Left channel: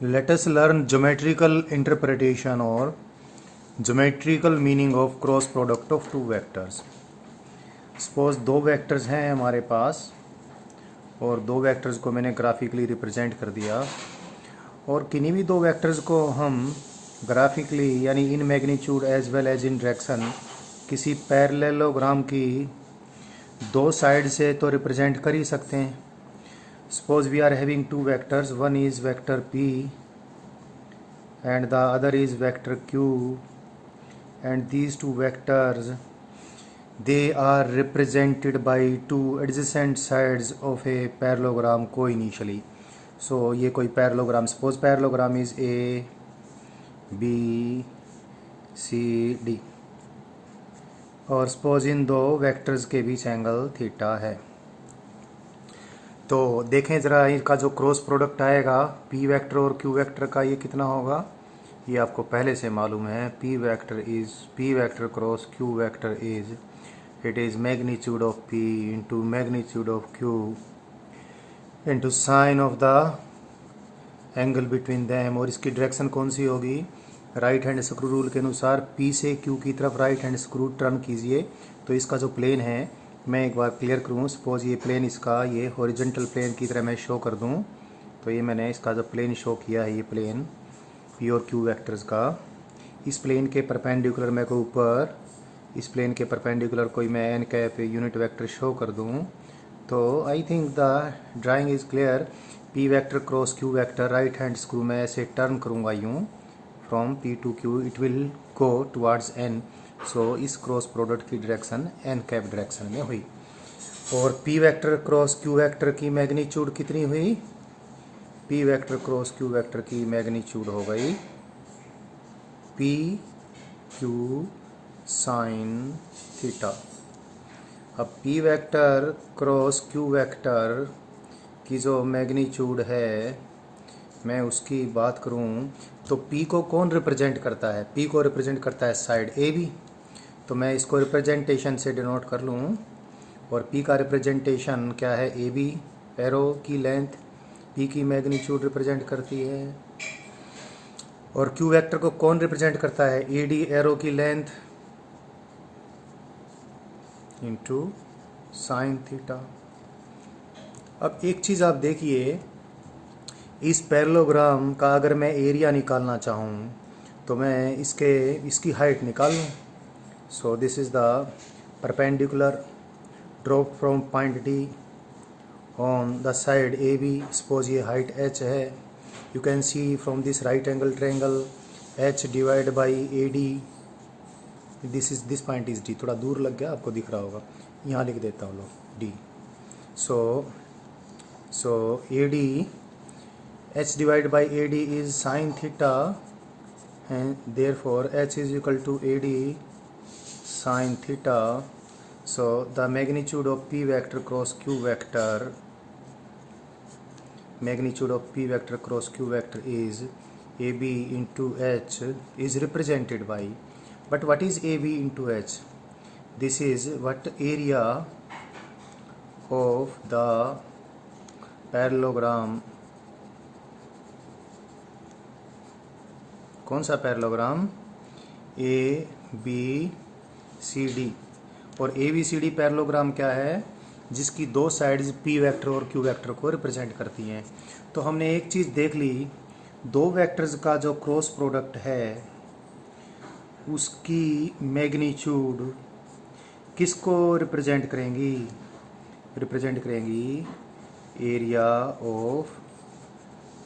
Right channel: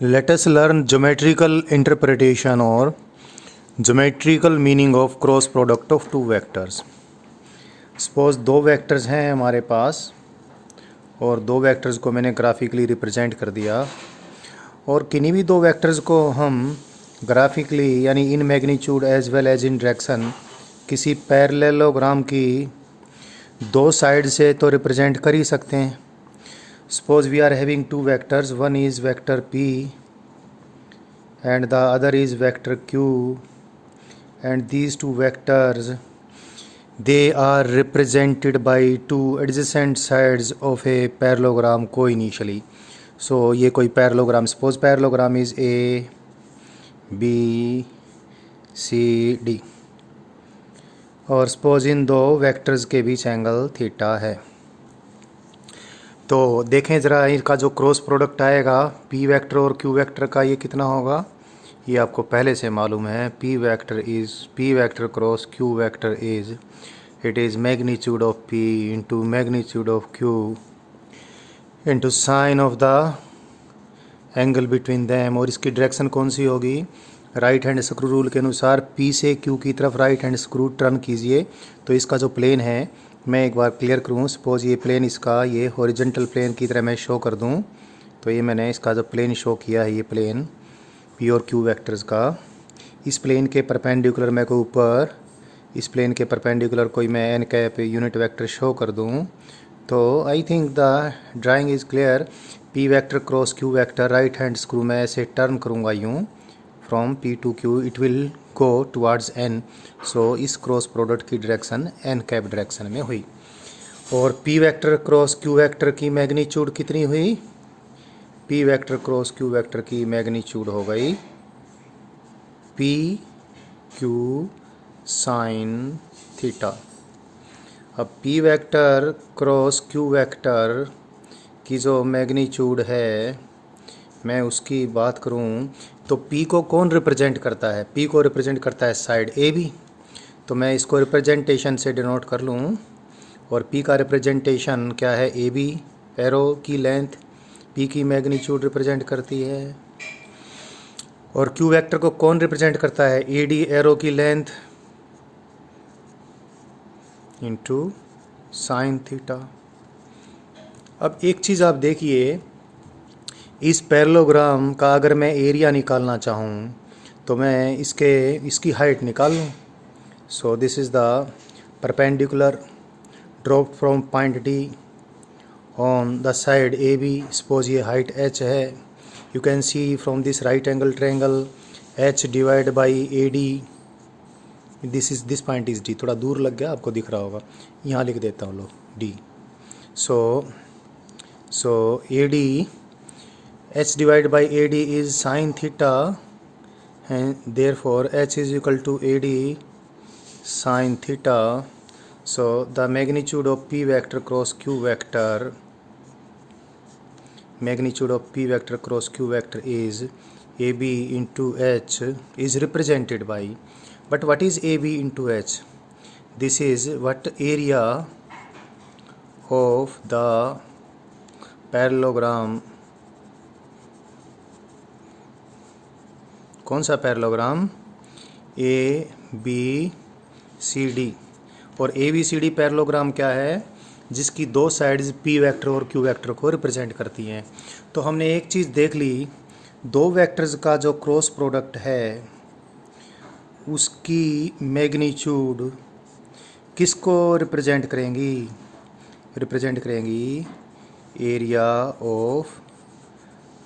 Let us learn geometrical interpretation or geometrical meaning of cross product of two vectors. Suppose दो vectors हैं हमारे पास और दो vectors को मैंने ग्राफिकली रिप्रेजेंट कर दिया और किन्हीं भी दो वेक्टर्स को हम ग्राफिकली यानी in magnitude as well as in direction किसी पैरेललोग्राम की दो साइड से तो रिप्रेजेंट कर ही सकते हैं. Suppose we are having two vectors, one is vector p and the other is vector q, and these two vectors they are represented by two adjacent sides of a parallelogram co-initially. So ये कोई parallelogram, suppose parallelogram is a b c d और suppose इन दो vectors के बीच angle theta है. तो देखें ज़रा इनका जो क्रॉस प्रोडक्ट आएगा p वेक्टर और q वेक्टर का ये कितना होगा, ये आपको पहले से मालूम है. p vector cross q vector is it is magnitude of p into magnitude of q into sine of the angle between them. और इसकी डायरेक्शन कौन सी होगी, राइट हैंड स्क्रू रूल के अनुसार p से q की तरफ राइट हैंड स्क्रू टर्न कीजिए. तो इसका जो प्लेन है मैं एक बार क्लियर करूँ. सपोज़ ये प्लेन इसका ये हॉरिजॉन्टल प्लेन की तरह मैं शो कर दूँ. तो ये मैंने इसका जो प्लेन शो किया है ये प्लेन p और q वेक्टर्स का, इस प्लेन के परपेंडिकुलर मैं को ऊपर इस प्लेन के परपेंडिकुलर कोई मैं n cap unit vector show कर दूँ. तो I think the drawing is clear. p vector cross q vector right hand screw में ऐसे टर्न करूँगा यूँ from p to q, it will go towards n. So इस क्रॉस प्रोडक्ट की direction n cap direction में हुई. और p vector cross q vector की मैग्नीट्यूड कितनी हुई, p vector cross q vector की मैग्नीट्यूड हो गई p q साइन थीटा. अब p vector cross q vector की जो मैग्नीट्यूड है मैं उसकी बात करूं तो p को कौन रिप्रेजेंट करता है, p को रिप्रेजेंट करता है साइड ए बी. तो मैं इसको रिप्रेजेंटेशन से डिनोट कर लूँ और p का रिप्रेजेंटेशन क्या है, ए बी एरो की लेंथ p की मैग्नीट्यूड रिप्रेजेंट करती है. और q वेक्टर को कौन रिप्रेजेंट करता है, ए डी एरो की लेंथ इंटू साइन थीटा. अब एक चीज़ आप देखिए, इस पैरेललोग्राम का अगर मैं एरिया निकालना चाहूँ तो मैं इसकी हाइट निकाल लूँ. So this is the perpendicular drop from point D on the side A B. Suppose ये हाइट h है. You can see from this right angle triangle h divide by A D. This point is D. थोड़ा दूर लग गया, आपको दिख रहा होगा, यहाँ लिख देता हूँ लोग D. So A D h divided by AD is sin theta and therefore h is equal to AD sin theta. So the magnitude of p vector cross q vector is AB into h is represented by, but what is AB into h? This is what area of the parallelogram. कौन सा parallelogram, A B C D. और A B C D parallelogram क्या है, जिसकी दो sides p vector और q vector को represent करती हैं. तो हमने एक चीज़ देख ली, दो वेक्टर्स का जो क्रॉस प्रोडक्ट है उसकी मैग्नीट्यूड किसको रिप्रेजेंट करेंगी area of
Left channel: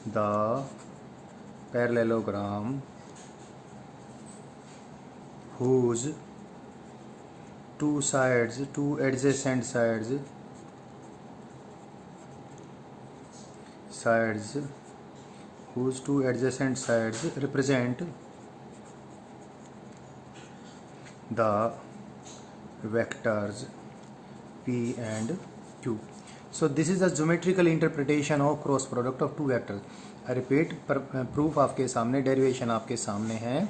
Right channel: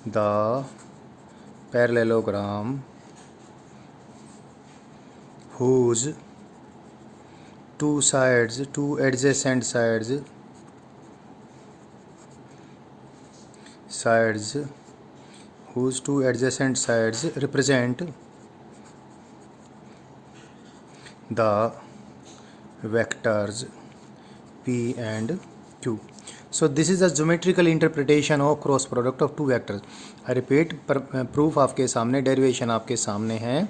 the parallelogram whose two adjacent sides represent the vectors p and q. So this is the geometrical interpretation of cross product of two vectors. I repeat, proof आपके सामने, derivation आपके सामने है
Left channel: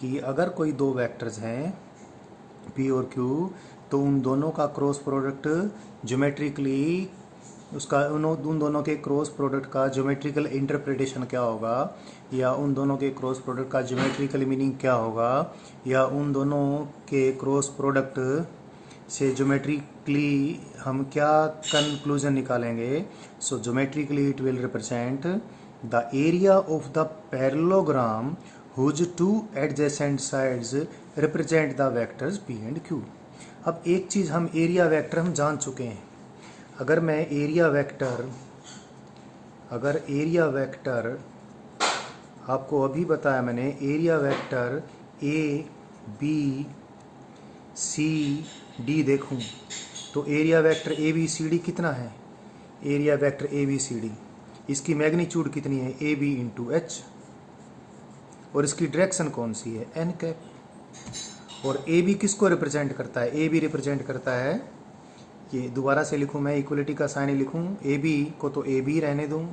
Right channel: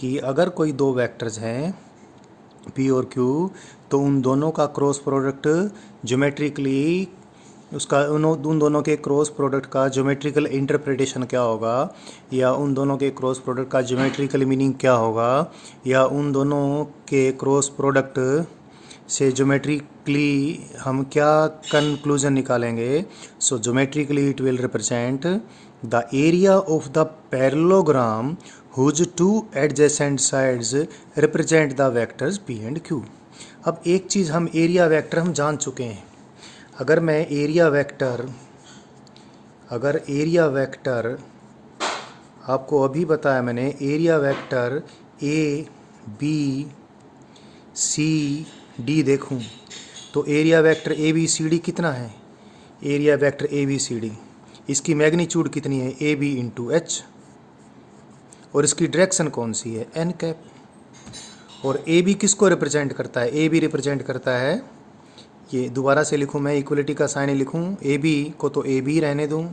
कि अगर कोई दो वेक्टर्स हैं p और q तो उन दोनों का क्रॉस प्रोडक्ट ज्योमेट्रिकली उसका उन दोनों के क्रॉस प्रोडक्ट का ज्योमेट्रिकल इंटरप्रिटेशन क्या होगा, या उन दोनों के क्रॉस प्रोडक्ट का ज्योमेट्रिकल मीनिंग क्या होगा, या उन दोनों के क्रॉस प्रोडक्ट से ज्योमेट्रिकली हम क्या कंक्लूजन निकालेंगे। So geometrically it will represent the area of the parallelogram whose two adjacent sides represent the vectors p and q. अब एक चीज़ हम एरिया वेक्टर हम जान चुके हैं। अगर एरिया वेक्टर आपको अभी बताया मैंने, area vector A B C D देखूं तो area vector A B C D कितना है, area vector A B C D, इसकी मैग्नीट्यूड कितनी है, ए बी इंटू एच, और इसकी डायरेक्शन कौन सी है, एन कैप। और ए बी किसको रिप्रेजेंट करता है, ए बी रिप्रेजेंट करता है, ये दोबारा से लिखूं मैं, इक्वलिटी का साइन लिखूं, ए बी को तो ए बी रहने दूं,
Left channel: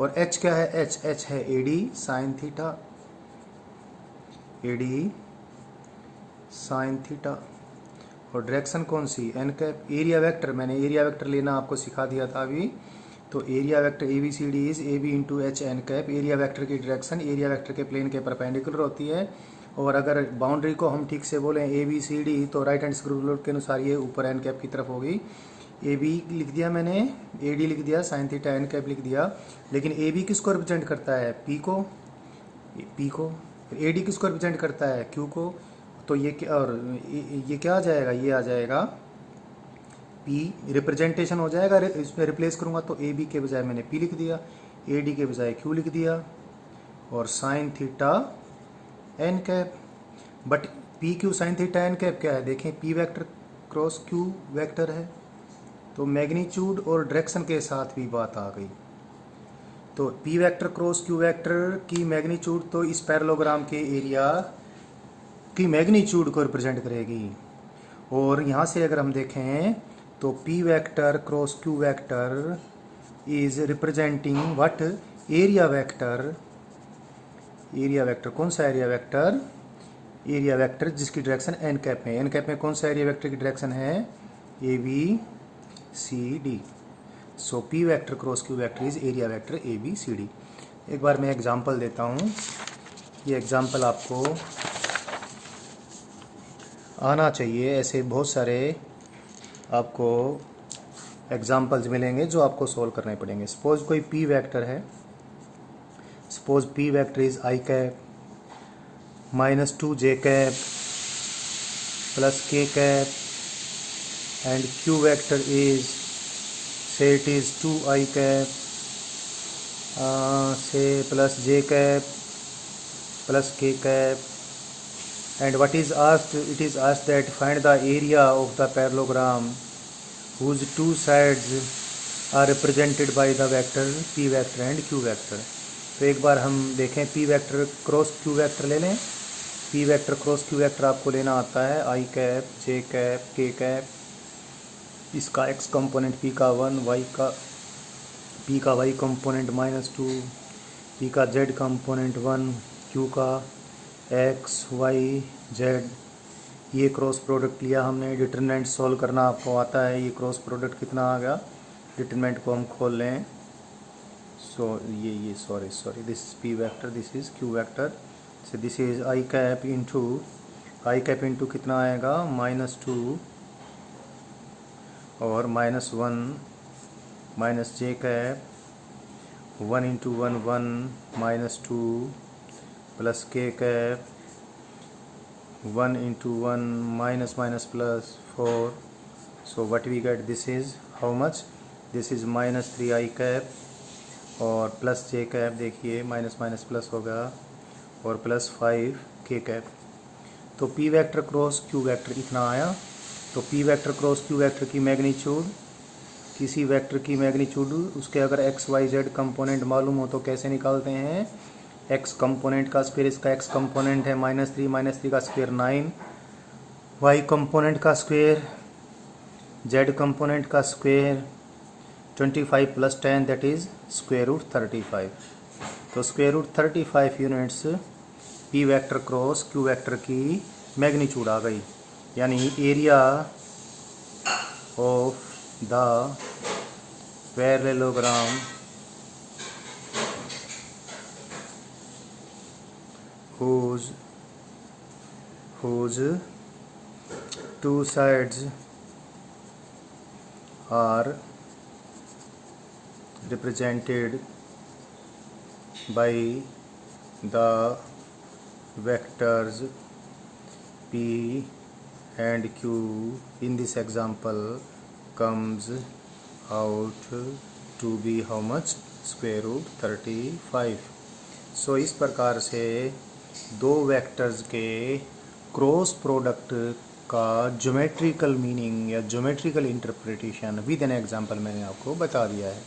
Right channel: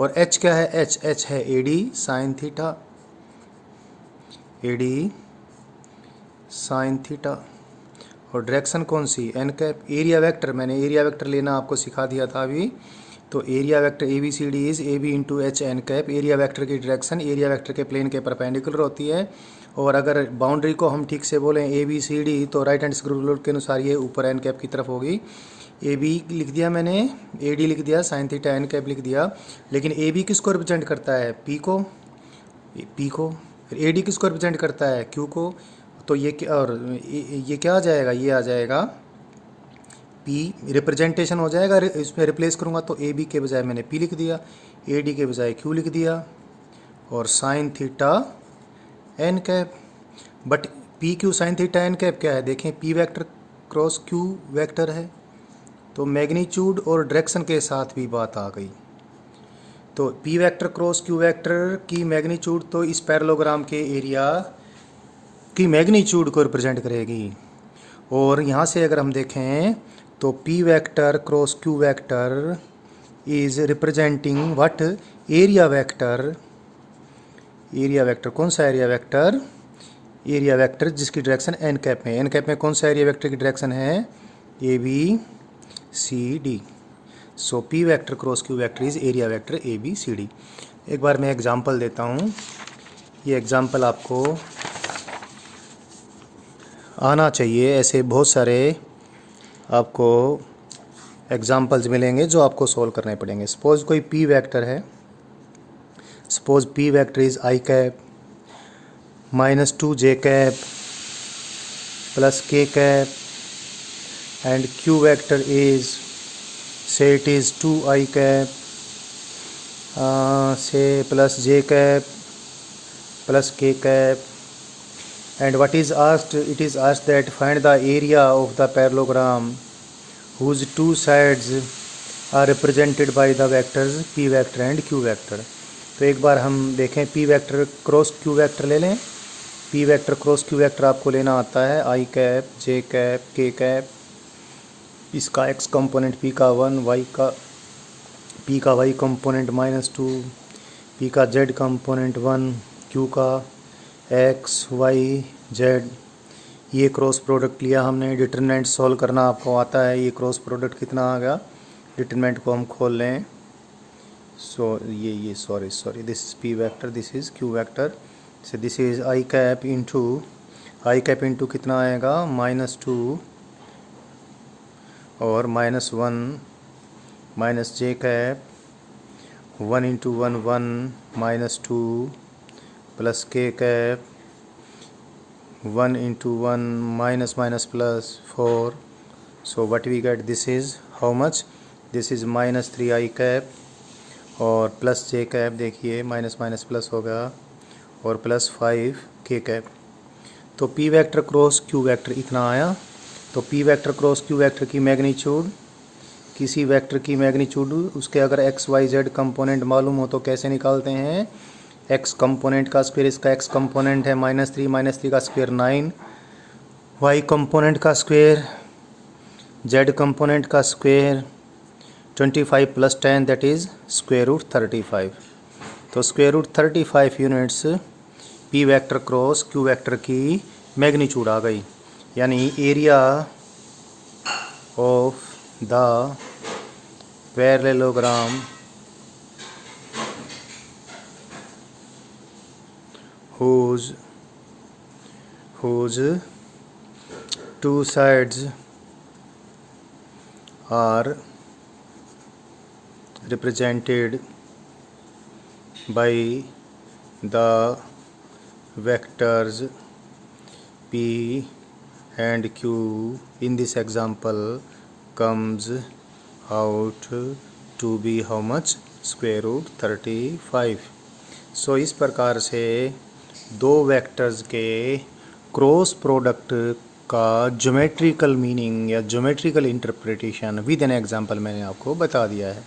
और एच क्या है, एच है A D sine theta, A D sine theta, और डायरेक्शन कौन सी, एन कैप। एरिया वेक्टर मैंने एरिया वेक्टर लेना आपको सिखा दिया था अभी, तो area vector A B C D is A B into H N cap. Area vector की डायरेक्शन एरिया वेक्टर के प्लेन के परपेंडिकुलर होती है, और अगर बाउंड्री को हम ठीक से बोलें ए बी सी डी, तो राइट हैंड स्क्रू रूल के अनुसार ये ऊपर एन कैप की तरफ होगी। ए बी लिख दिया मैंने, ए डी लिख दिया, साइन थीटा एन कैप लिख दिया, लेकिन ए बी किसको रिप्रेजेंट करता है, पी को, फिर ए डी किसको रिप्रेजेंट करता है, क्यू को, तो ये और ये क्या आ जाएगा, ये आ जाएगा पी, रिप्रेजेंटेशन हो जाएगा, इसमें रिप्लेस करूँगा तो ए बी के बजाय मैंने पी लिख दिया, ए डी के बजाय क्यू लिख दिया, और sine theta N cap. But P Q sine theta N cap क्या है, देखें P vector cross Q vector है, तो मैग्नीट्यूड और डायरेक्शन के साथ भी बात आ गई। तो P vector cross Q vector की मैग्नीट्यूड तो इस पैरेललोग्राम के एरिया की मैग्नीट्यूड को रिप्रेजेंट करेगी, और यहाँ से अगर हम देखें तो P vector cross Q vector is representing what, area vector. Area vector कौन सा एरिया वेक्टर, एरिया वेक्टर जिसकी डायरेक्शन एन कैप में, एन कैप में कौन सा एरिया वेक्टर की डायरेक्शन है, A B C D. So P vector cross Q vector is area vector A B C D. एक बार मैं एग्जांपल देता हूँ, ये एग्जांपल आपको आना चाहिए, ऐसे बहुत सारे आपको एग्जांपल्स मिलेंगे जो आपको सोल्व करने पड़ेंगे। सपोज कोई पी वेक्टर है, suppose p vector is I cap minus 2 j cap plus के cap, and q vector is, say it is 2 i cap say plus J cap plus के cap, and what is asked, it is asked that find the area of the parallelogram whose two sides are represented by the vectors p vector and q vector। तो एक बार हम देखें, p vector cross q vector ले लें, p vector cross q vector आपको लेना आता है, i cap j cap k cap, इसका x कंपोनेंट p का 1, p का y कंपोनेंट -2, p का z कंपोनेंट 1, q का एक्स वाई जेड। ये क्रॉस प्रोडक्ट लिया हमने, डिटरमिनेंट सॉल्व करना आपको आता है, ये क्रॉस प्रोडक्ट कितना आ गया, डिटरमिनेंट को हम खोल लें। सो ये sorry this is P vector, this is Q vector, so this is I cap into कितना आएगा, -2 और -1 minus J cap 1 into 1 1 -2 plus के cap 1 into 1 -4। So what we get, this is how much, this is -3 I cap और plus जे cap, देखिए minus plus हो गया, और +5 K cap. तो P vector cross Q vector इतना आया। तो P vector cross Q vector की मैग्नीट्यूड, किसी वेक्टर की मैग्नीट्यूड उसके अगर एक्स वाई जेड कंपोनेंट मालूम हो तो कैसे निकालते हैं, एक्स कंपोनेंट का स्क्वायर, इसका एक्स कंपोनेंट है -3 का स्क्वायर 9, वाई कंपोनेंट का स्क्वायर, जेड कंपोनेंट का स्क्वायर 25 + 10 दैट इज़ √35। तो √35 units P vector cross Q vector की मैग्नीट्यूड आ गई, यानी area of the parallelogram whose two sides are represented by the vectors P and Q. In this example comes out to be how much? Square root 35. सो इस प्रकार से दो vectors के cross product का geometrical meaning या geometrical interpretation with an example मैंने आपको बता दिया है।